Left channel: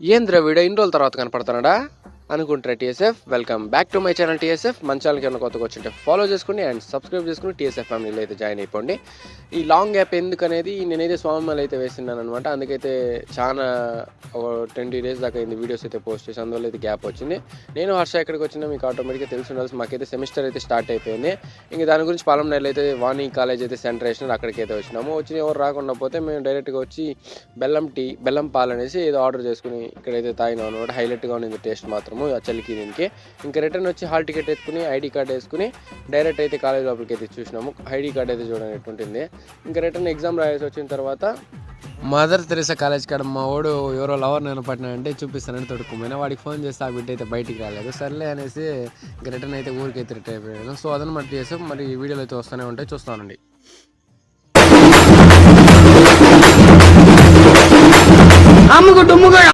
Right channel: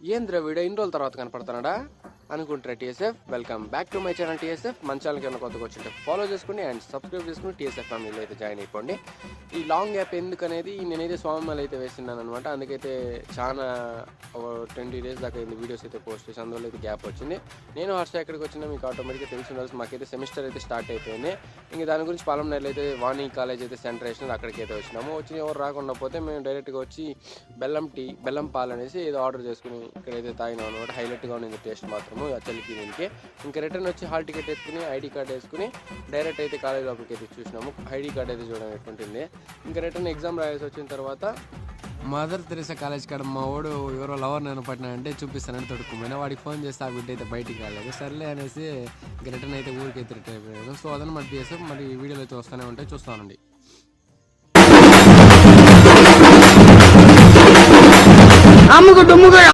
ఏంద్ర వీడియో ఇన్ని రోజుల తర్వాత కనపడుతున్నాడా అనుకుంటారా TSF. Welcome back to my channel TSF. మన ఛానల్కి ఏమైనా కొత్తగా వచ్చింటే ఫాలో చేసుకుని అండ్ సబ్స్క్రైబ్ చేసుకుని టీఎస్ఎఫ్ ఫ్యామిలీలో అయితే జాయిన్ అయిపోండి. ఈ లాంగ్ గ్యాప్ ఎందుకనేది నేనైతే స్వామిమాలు అయితే వేసినాను అనమాట. అందుకైతే చాలా 20 days దాకా అయింది వీడియోస్ అయితే పోస్ట్ చేసి, అందువల్ల అయితే గ్యాప్ వచ్చింది. నేను హర్ష ఎక్కడికి వచ్చినా మీకు ఆటోమేటిక్గా తెలిసి ఉండాల్సి, మాకైతే సెమిస్టర్ అయితే స్టార్ట్ అయిపోయింది. ఇంక దాని గురించి పాలంనేరులో అయితే వాణి కాలేజ్ అయితే సెంటర్ వేసినారు, అక్కడికి అయితే వచ్చినాము. వచ్చిన ఎవరు రాకుండా పోతే మేము డైరెక్ట్గా వచ్చి బెల్లం పాలు అనేసి ఏదో ఆర్డర్ చేసుకుని ఇక్కడైతే తాగినాం అనమాట. హైలైట్గా ఉంది టేస్ట్ మాత్రము ఆ చలికి దీనికి. ఇంకా రిటర్న్ వచ్చి హాల్ టికెట్ ఎత్తుకుని ఐడి కార్డ్ వేసుకుని డైరెక్ట్ అయితే కాలేజ్ లోపలికి అయితే చూసినాము. ఐడి కార్డ్ అయితే చూడండి ఎట్టుంటుంది. ఇంకా రిటర్న్ ఎగ్జామ్ రాసి వచ్చిన తర్వాత మదర్ తెరేసా కాలేజ్ కాడ మా వాడు ఎవరో లవర్ నేను పట్టినాడంటే చూపిస్తానని తొడుక్కుపోయినా, వాడికి ఫోన్ చేస్తే ఆ బిడ్డ అయితే బయటికి రాలేదు. సర్లే అనేసి ఇంకా రిటర్న్ అయితే ఊరికి అయితే రిటర్న్ అయిపోయాను. సో అదన మట్టి చేసి మరి వీడియోలు అయితే వస్తూనే ఉంటాయి, చూస్తానండి.